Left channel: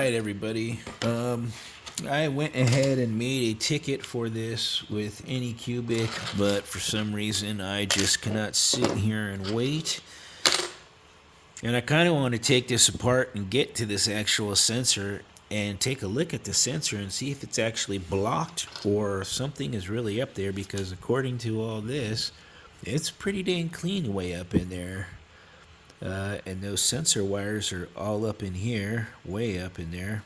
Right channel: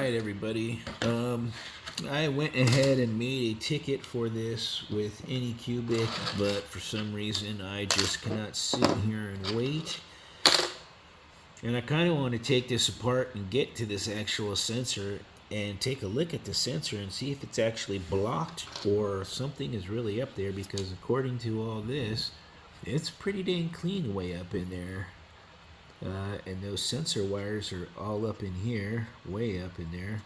right, everybody. I went ahead and made a ticket for this with Anycubic, but for some reason I just cannot sit here and wait. And I kind of want to take this apart and get to this actual sensor and take a look at the sensor and see if it's actually blocked or something is really up there, because according to all this, it's pretty dang clean way up in there. And those sensor wires are all up in here, way up in there.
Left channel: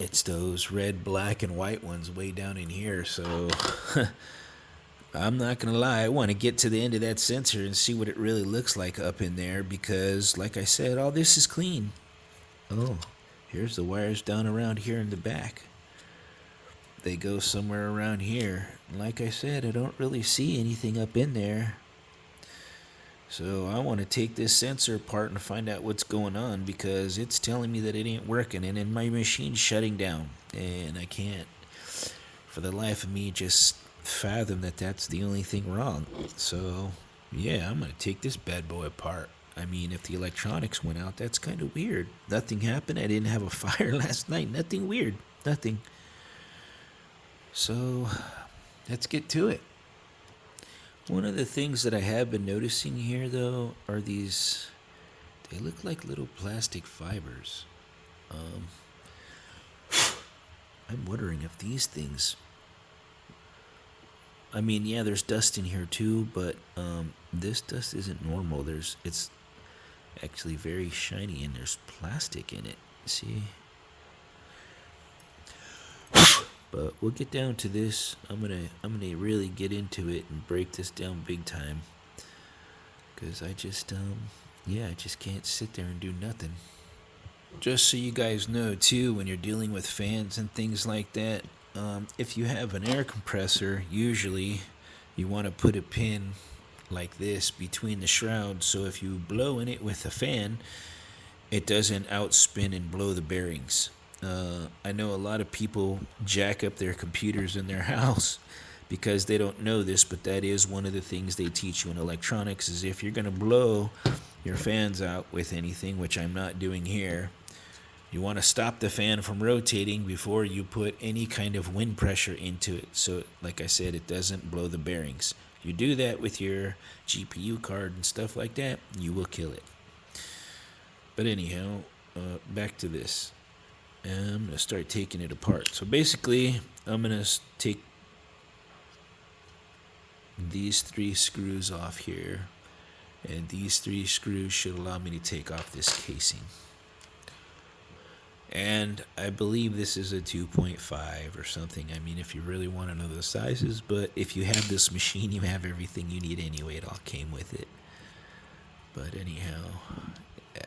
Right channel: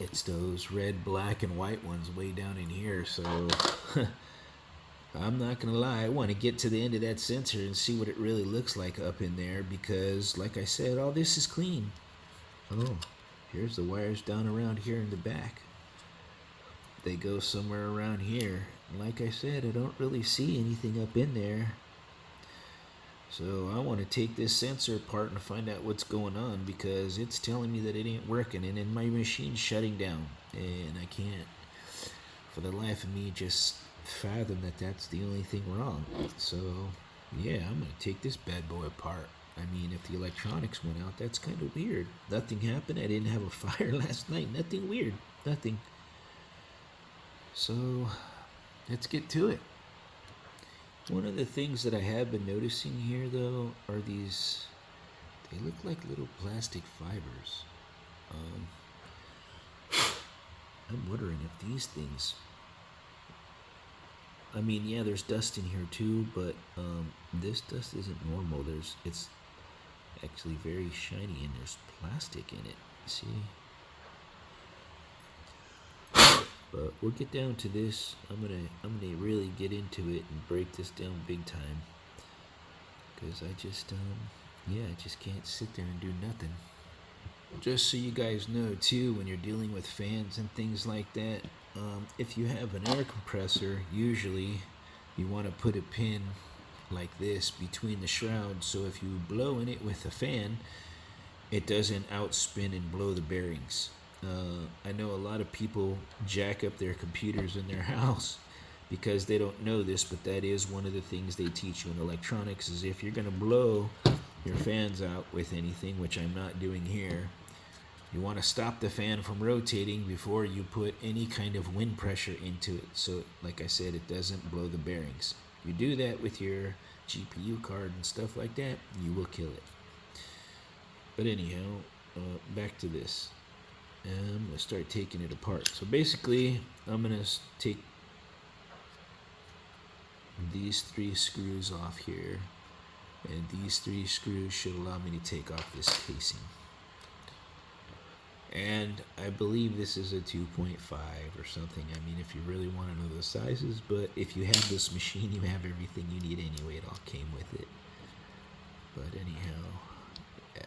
It's those red, black, and white ones way down in here. So I'm not gonna lie, I want to get to the end of that sensor and see what it really looks like up in there, because like I said, all this is clean. Oh, here's the wires down around here in the back. They go somewhere around here. Like I said, I don't really see anything up in there. So I want to take this sensor apart and find out what's going on, because it's telling me that it ain't working and then my machine's shutting down, and I can't for the life of me just fathom that that's the only thing wrong. So yeah, I'm gonna take this bad boy apart. I mean, if the electronics went out, that's kind of weird. Nothing happened. I didn't have a fire last night. Nothing weird. Nothing. So let's get to it. One of the things that I have been noticing here, though, are these, they look like little plastic fibers. I'm wondering if these things, I mean, yeah, there's dust in here too, but this dust isn't normal. It's actually very shiny, and there's plastic in it. See? But we'll get down to this. I'm gonna really get into it and break this down big time, because I just I just can't sit there and do nothing. Just so you guys know too, when you're dealing with fans and things like that, if you have an air compressor, usually you want to put a pin like this between the shrouds, so if you blow in it with a fan, it doesn't outspin and blow the bearings. I know a lot of people jack up their computers in their house because they don't know this, but that is one of the things they teach you in electronics, is if you're going to blow your fans out with anything, which I'm not doing here, you want to stop the fan from rotating before you put any kind of wind pressure into it. So like I said, it doesn't blow the bearings. You do that with your GPU card and stuff like that, you will kill it. But anyhow, back to this. And I'm going to start taking it apart. So basically, I'm going to take these 3 screws off here, and these 3 screws should allow me to take off this casing. And I believe this is a 2.5 or something. I mean, if you really want to know the sizes, but if you have this machine, you have everything you need anyway. It all came with it. But anyhow, yeah.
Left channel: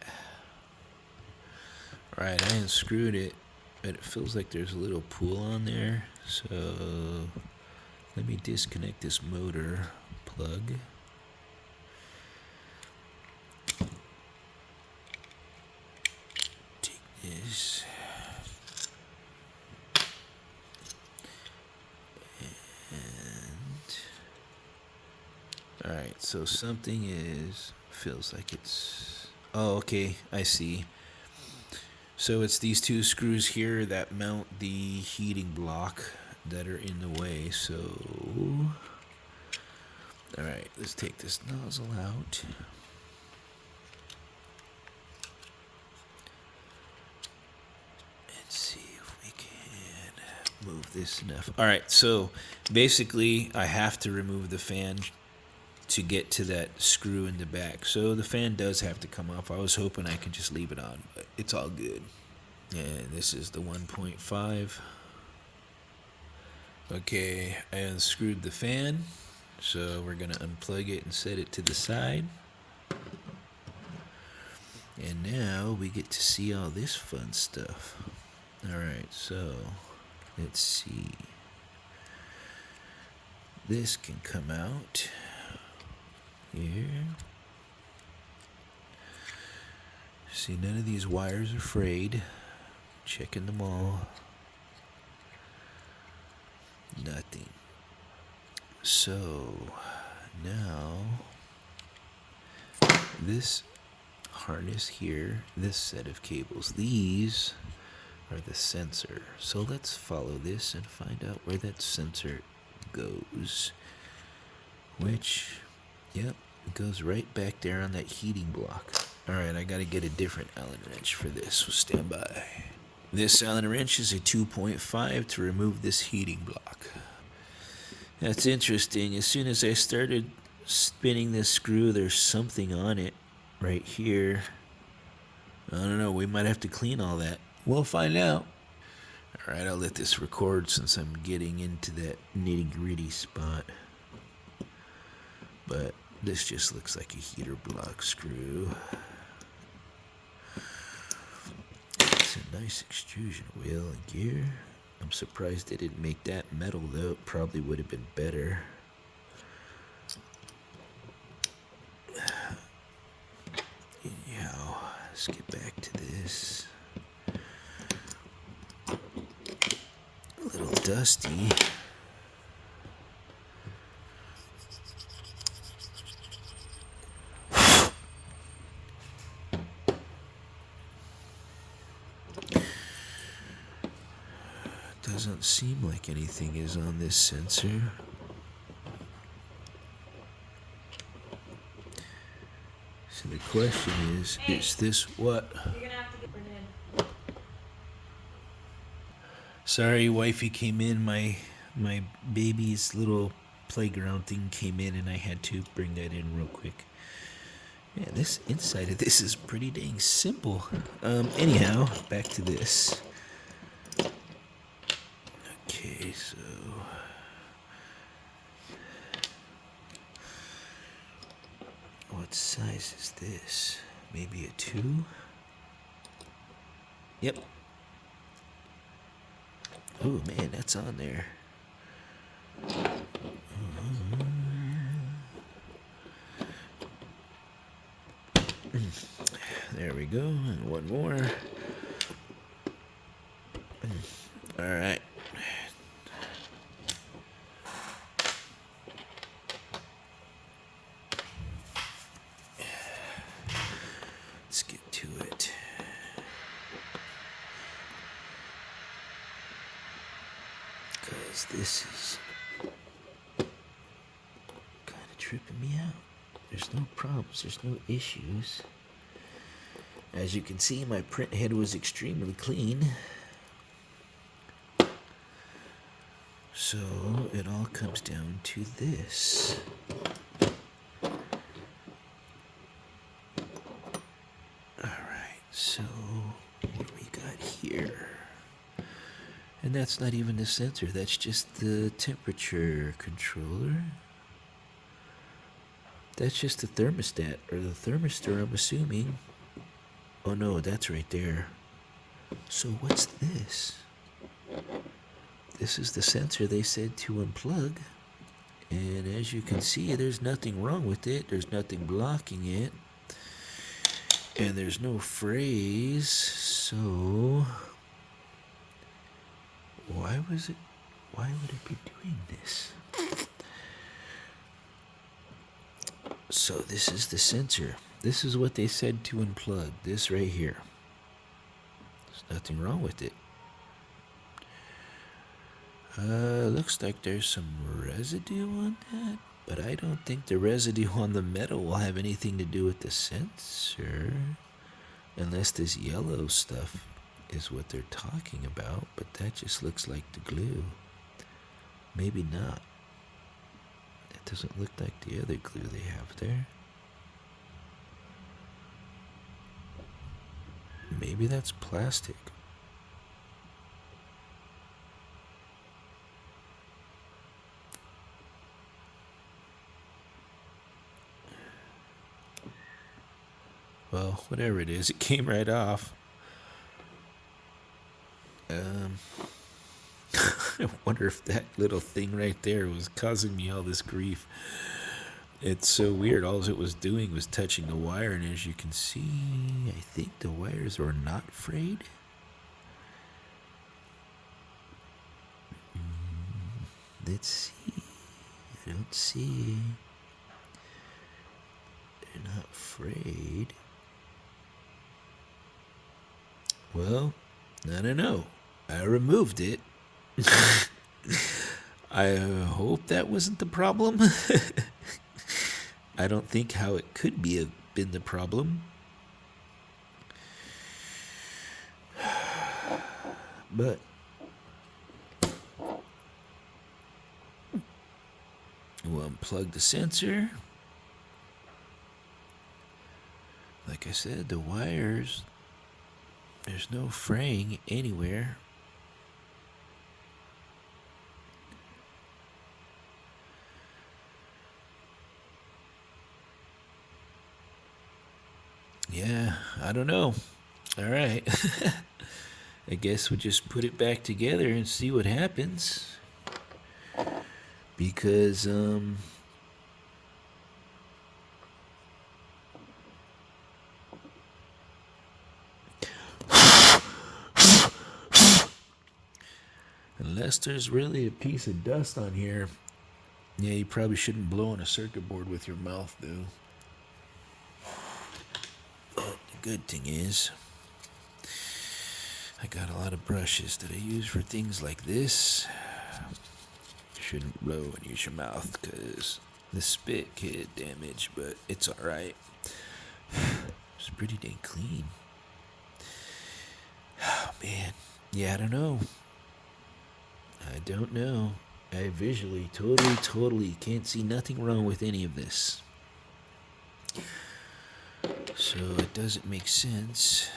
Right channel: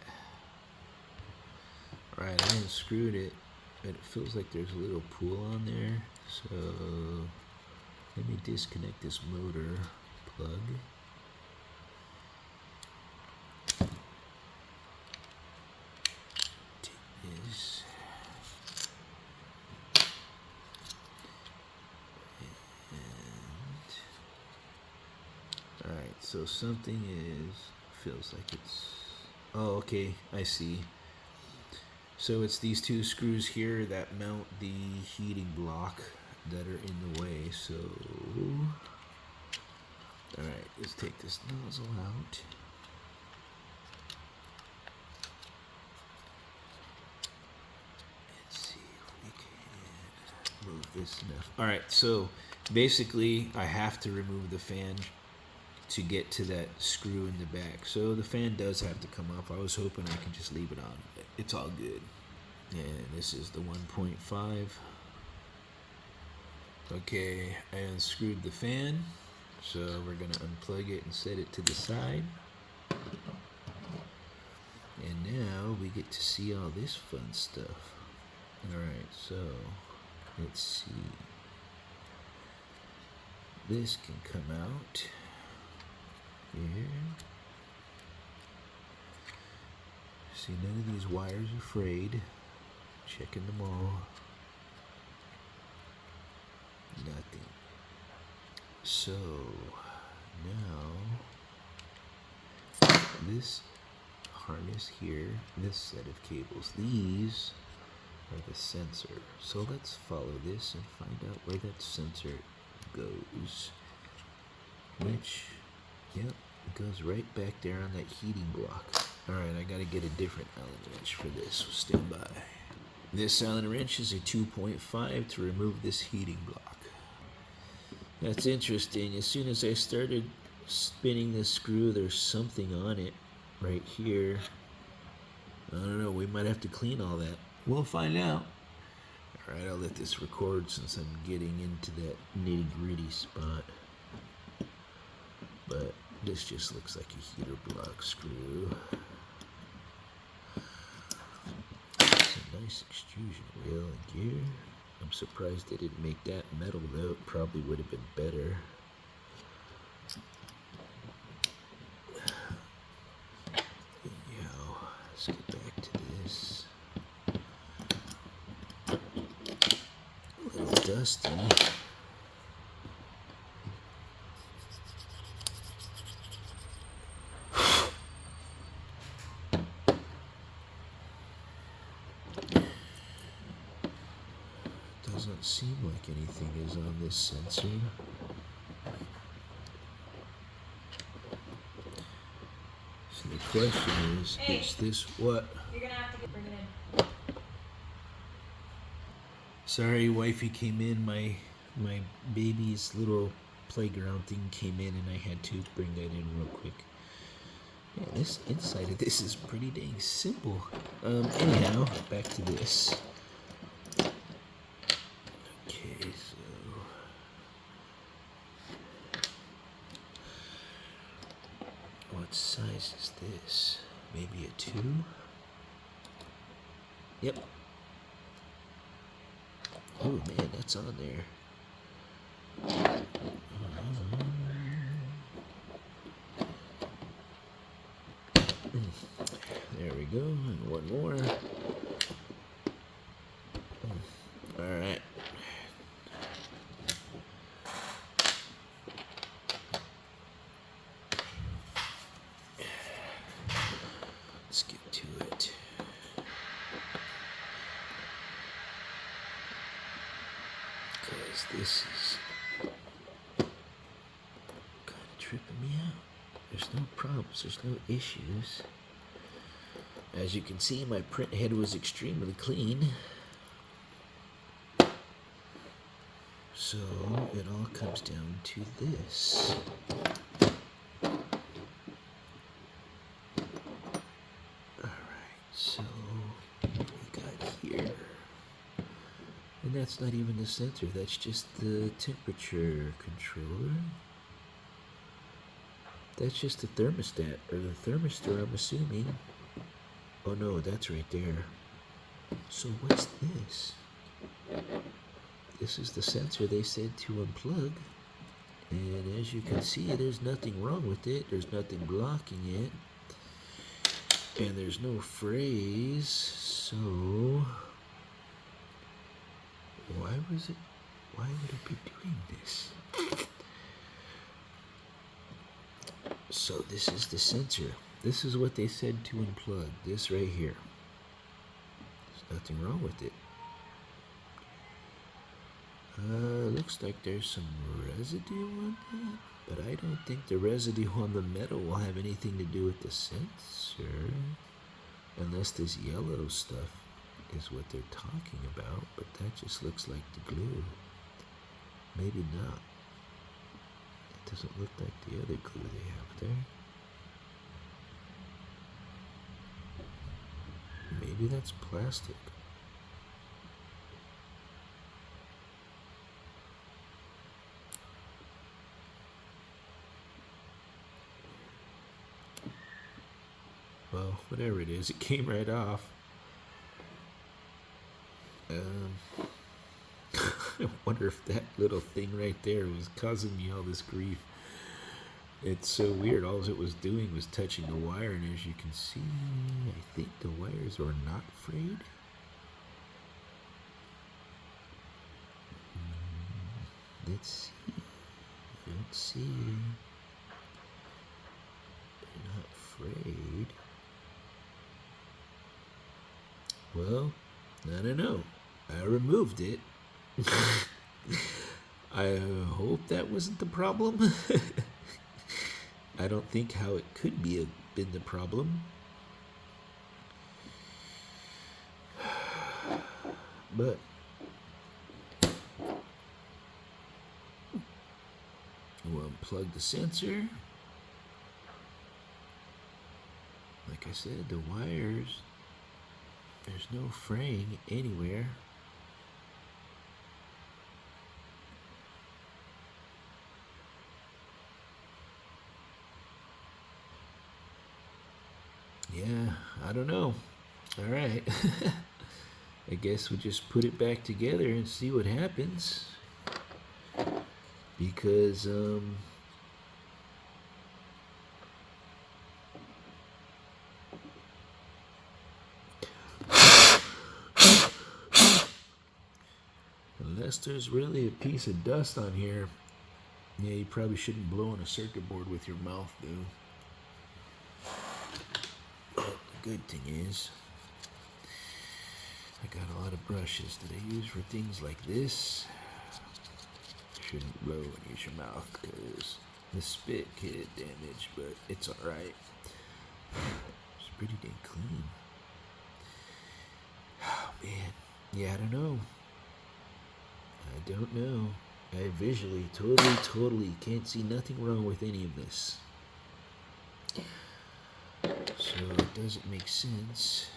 Alright, I unscrewed it, but it feels like there's a little pull on there. So let me disconnect this motor plug. Take this. And alright, so something feels like it's, oh, okay, I see. So it's these 2 screws here that mount the heating block that are in the way. So, alright, let's take this nozzle out. And see if we can move this enough. Alright, so basically I have to remove the fan to get to that screw in the back. So the fan does have to come off. I was hoping I could just leave it on, but it's all good. And this is the 1.5. Okay, I unscrewed the fan, so we're gonna unplug it and set it to the side. And now we get to see all this fun stuff. Alright, so let's see. This can come out here. See, none of these wires are frayed. Checking them all. Nothing. So now this harness here this set of cables. These are the sensor. So let's follow this and find out where that sensor goes. Which, yep, it goes right back there on that heating block. Alright, I gotta get a different Allen wrench for this, so stand by. This Allen wrench is a 2.5 to remove this heating block. That's interesting. As soon as I started spinning this screw, there's something on it right here. I don't know, we might have to clean all that. We'll find out. Alright, I'll let this record since I'm getting into that nitty-gritty spot. But this just looks like a heater block screw. It's a nice extrusion wheel and gear. I'm surprised they didn't make that metal though. It probably would have been better. Anyhow, let's get back to this. A little dusty. Doesn't seem like anything is on this sensor. So the question is this what? You're gonna have to bring it in. Sorry, wifey came in. My baby's little playground thing came in and I had to bring that in real quick. Yeah, this inside of this is pretty dang simple. Anyhow, back to this. Okay, so what size is this? Maybe a 2? Yep. Oh man, that's on there. There we go, and one more. All right. Let's get to it. Because this is kind of tripping me out. There's no problems, there's no issues. As you can see, my print head was extremely clean. So it all comes down to this. Alright, so what we got here? And that's not even the sensor, that's just the temperature controller. That's just the thermostat, or the thermistor, I'm assuming. Oh no, that's right there. So what's this? This is the sensor they said to unplug. And as you can see, there's nothing wrong with it. There's nothing blocking it. And there's no phrase. So why would it be doing this? So this is the sensor. This is what they said to unplug. This right here. There's nothing wrong with it. Looks like there's some residue on that, but I don't think the residue on the metal will have anything to do with the sensor, unless this yellow stuff is what they're talking about, but that just looks like the glue. Maybe not. It doesn't look like the other glue they have there. Maybe that's plastic. Well, whatever it is, it came right off. I wonder if that little thing right there was causing me all this grief. It's so weird. All it was doing was touching the wire, and as you can see, I think the wires are not frayed. Let's see. I don't see. They're not frayed. Well, I don't know. I removed it. I hope that wasn't the problem. I don't think how it could been the problem. But we'll unplug the sensor. Like I said, the wires, there's no fraying anywhere. Yeah, I don't know. All right. I guess we'll just put it back together and see what happens. Because, unless there's really a piece of dust on here, yeah, you probably shouldn't blow on a circuit board with your mouth, though. The good thing is, I got a lot of brushes that I use for things like this. You shouldn't blow and use your mouth because the spit can get damaged, but it's alright. It's pretty dang clean. Oh, man. Yeah, I don't know. I don't know. I visually totally can't see nothing wrong with any of this. So it doesn't make sense.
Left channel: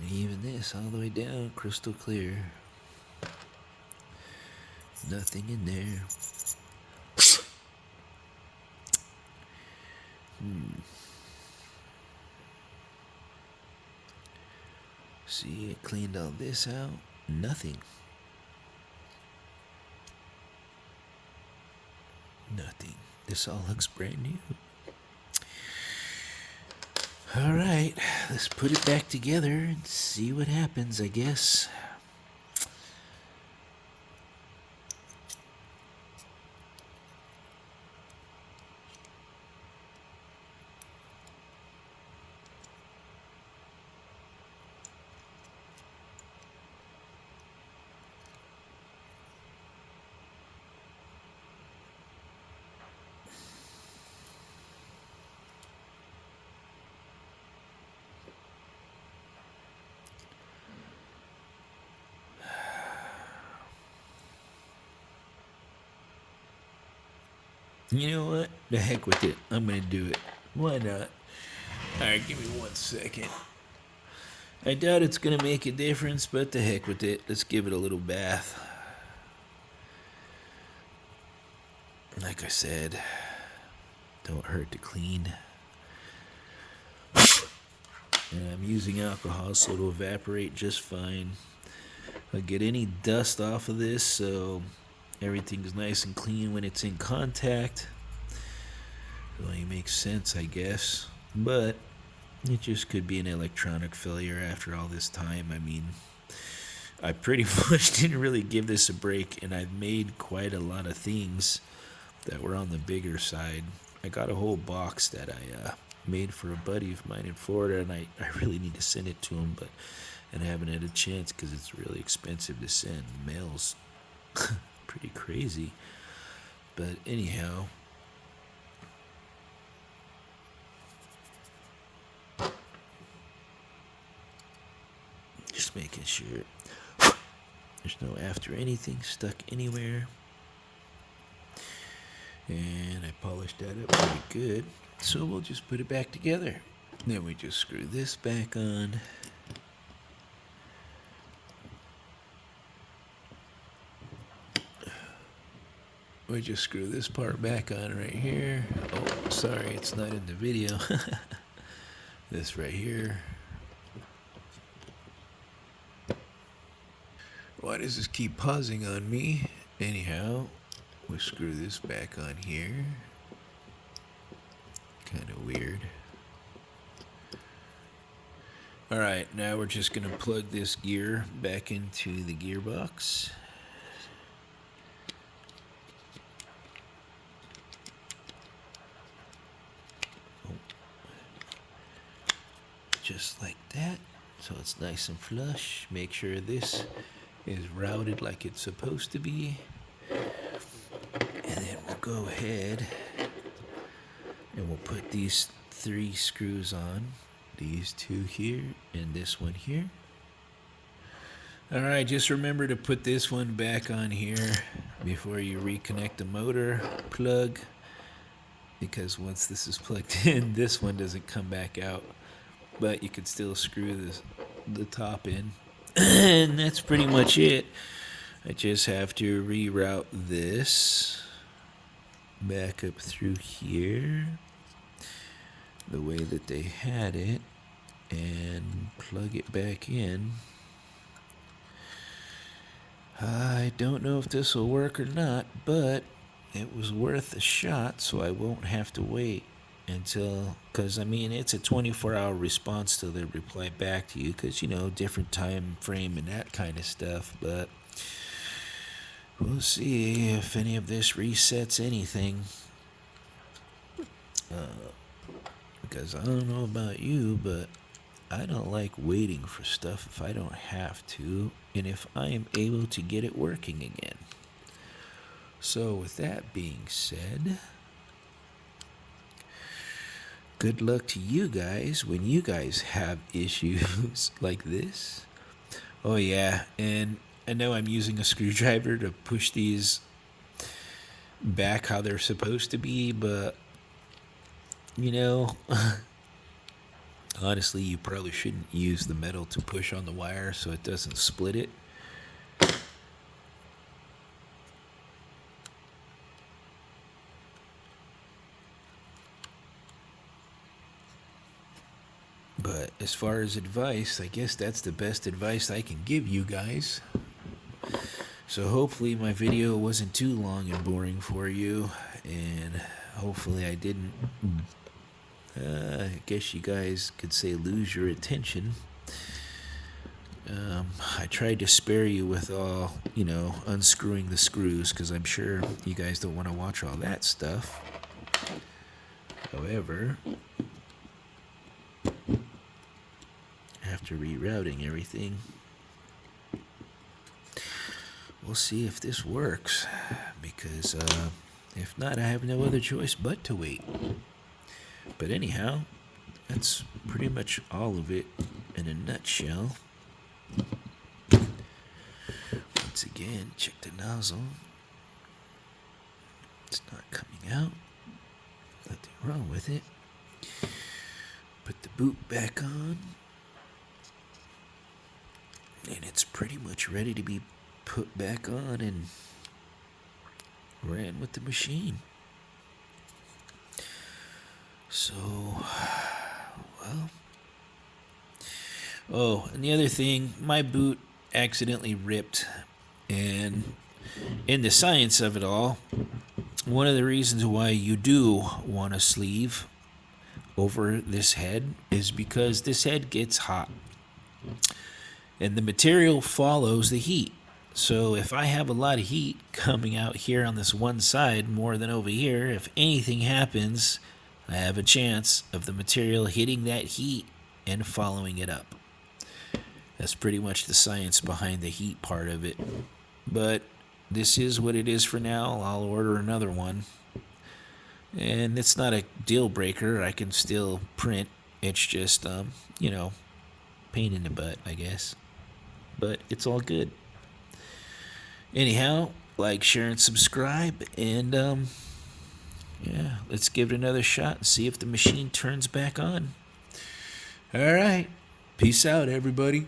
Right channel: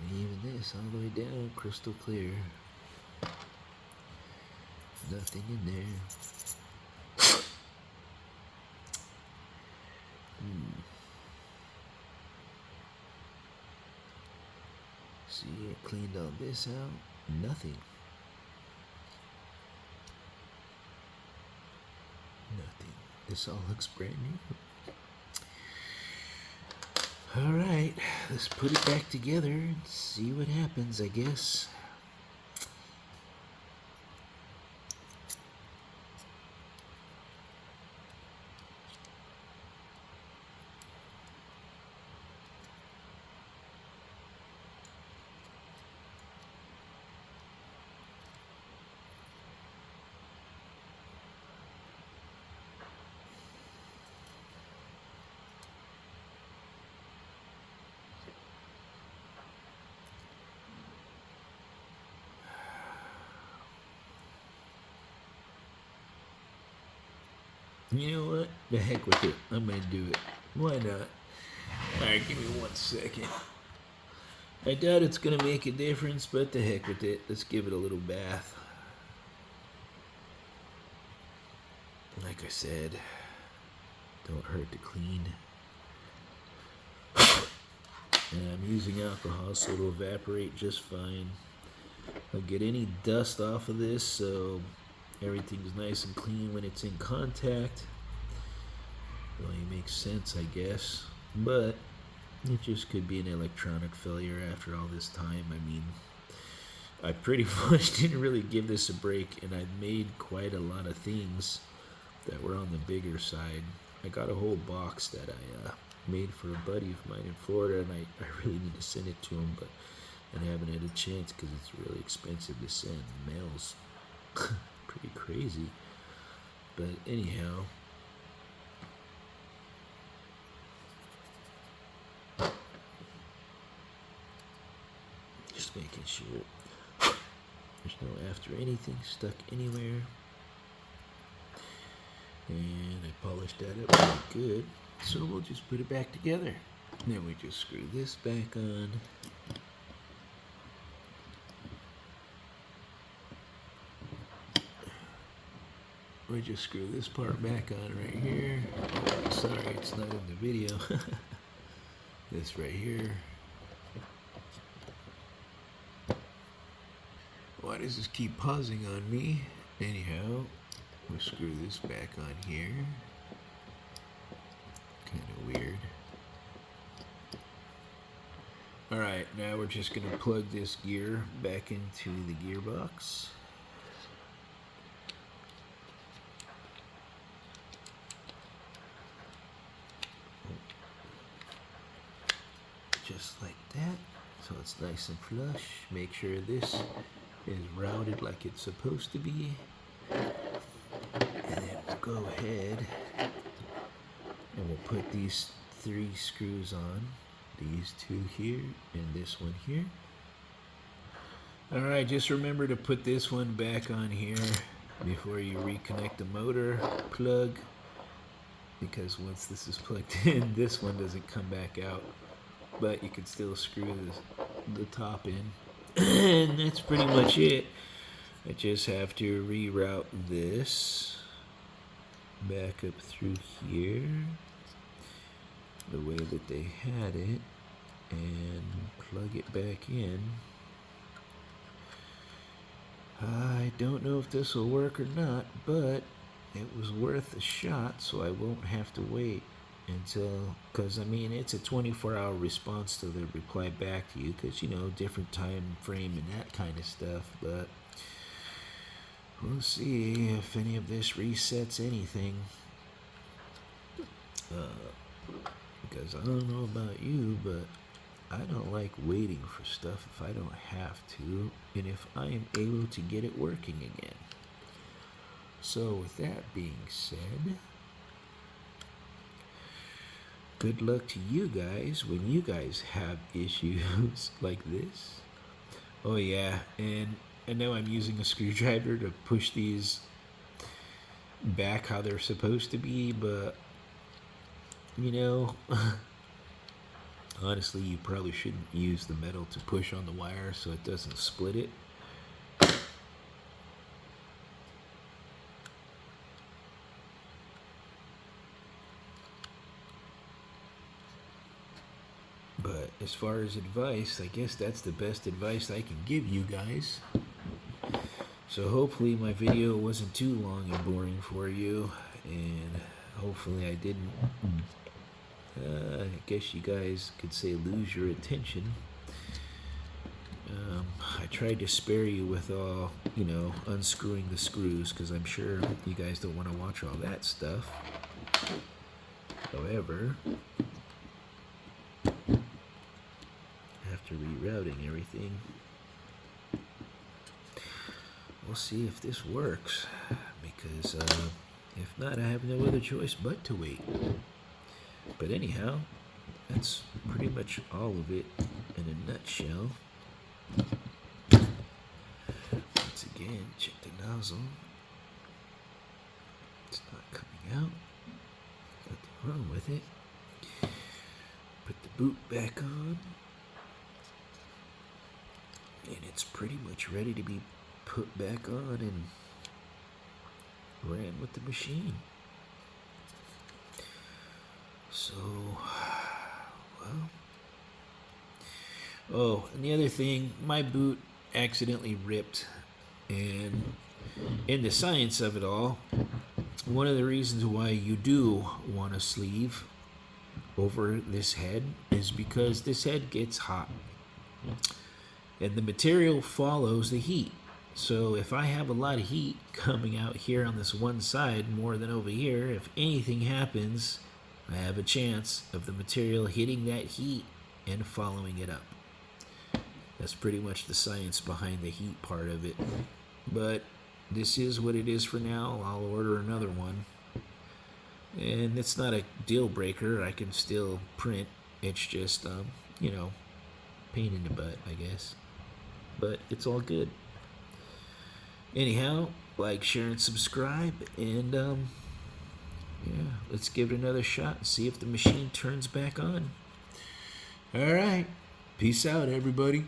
And even this, all the way down, crystal clear. Nothing in there. See, I cleaned all this out. Nothing. Nothing. This all looks brand new. All right, let's put it back together and see what happens, I guess. You know what? The heck with it. I'm gonna do it. Why not? Alright, give me 1 second. I doubt it's gonna make a difference, but the heck with it. Let's give it a little bath. Like I said, don't hurt to clean. And I'm using alcohol, so it'll evaporate just fine. I'll get any dust off of this, so everything's nice and clean when it's in contact. It only makes sense, I guess. But it just could be an electronic failure after all this time. I mean, I pretty much didn't really give this a break, and I've made quite a lot of things that were on the bigger side. I got a whole box that I made for a buddy of mine in Florida, and I really need to send it to him, but and I haven't had a chance because it's really expensive to send. Mail's pretty crazy. But anyhow, just making sure there's no after anything stuck anywhere. And I polished that up pretty good. So we'll just put it back together. Then we just screw this back on. We just screw this part back on right here. Oh, sorry, it's not in the video. This right here. Why does this keep pausing on me? Anyhow, we screw this back on here. Kind of weird. Alright, now we're just going to plug this gear back into the gearbox. just like that, so it's nice and flush. Make sure this is routed like it's supposed to be, and then we'll go ahead and we'll put these 3 screws on, these 2 here and this one here. Alright, just remember to put this one back on here before you reconnect the motor plug, because once this is plugged in, this one doesn't come back out, but you can still screw the top in. And that's pretty much it. I just have to reroute this back up through here the way that they had it and plug it back in. I don't know if this will work or not, but it was worth a shot, so I won't have to wait until, because I mean it's a 24-hour response till they reply back to you, because you know, different time frame and that kind of stuff. But we'll see if any of this resets anything, because I don't know about you, but I don't like waiting for stuff if I don't have to, and if I am able to get it working again. So with that being said, good luck to you guys when you guys have issues like this. Oh yeah, and I know I'm using a screwdriver to push these back how they're supposed to be, but you know, honestly, you probably shouldn't use the metal to push on the wire so it doesn't split it. But as far as advice, I guess that's the best advice I can give you guys. So hopefully my video wasn't too long and boring for you, and hopefully I didn't, I guess you guys could say, lose your attention. I tried to spare you with all, you know, unscrewing the screws, because I'm sure you guys don't want to watch all that stuff. However, after rerouting everything, we'll see if this works, because if not, I have no other choice but to wait. But anyhow, that's pretty much all of it in a nutshell. Once again, check the nozzle. It's not coming out. Nothing wrong with it. Put the boot back on, and it's pretty much ready to be put back on and ran with the machine. So, well. Oh, and the other thing, my boot accidentally ripped, and in the science of it all, one of the reasons why you do want a sleeve over this head is because this head gets hot, and the material follows the heat. So if I have a lot of heat coming out here on this one side more than over here, if anything happens, I have a chance of the material hitting that heat and following it up. That's pretty much the science behind the heat part of it. But this is what it is for now. I'll order another one. And it's not a deal breaker. I can still print. It's just, you know, pain in the butt, I guess. But it's all good. Anyhow, like, share, and subscribe. And, yeah, let's give it another shot and see if the machine turns back on. All right. Peace out, everybody.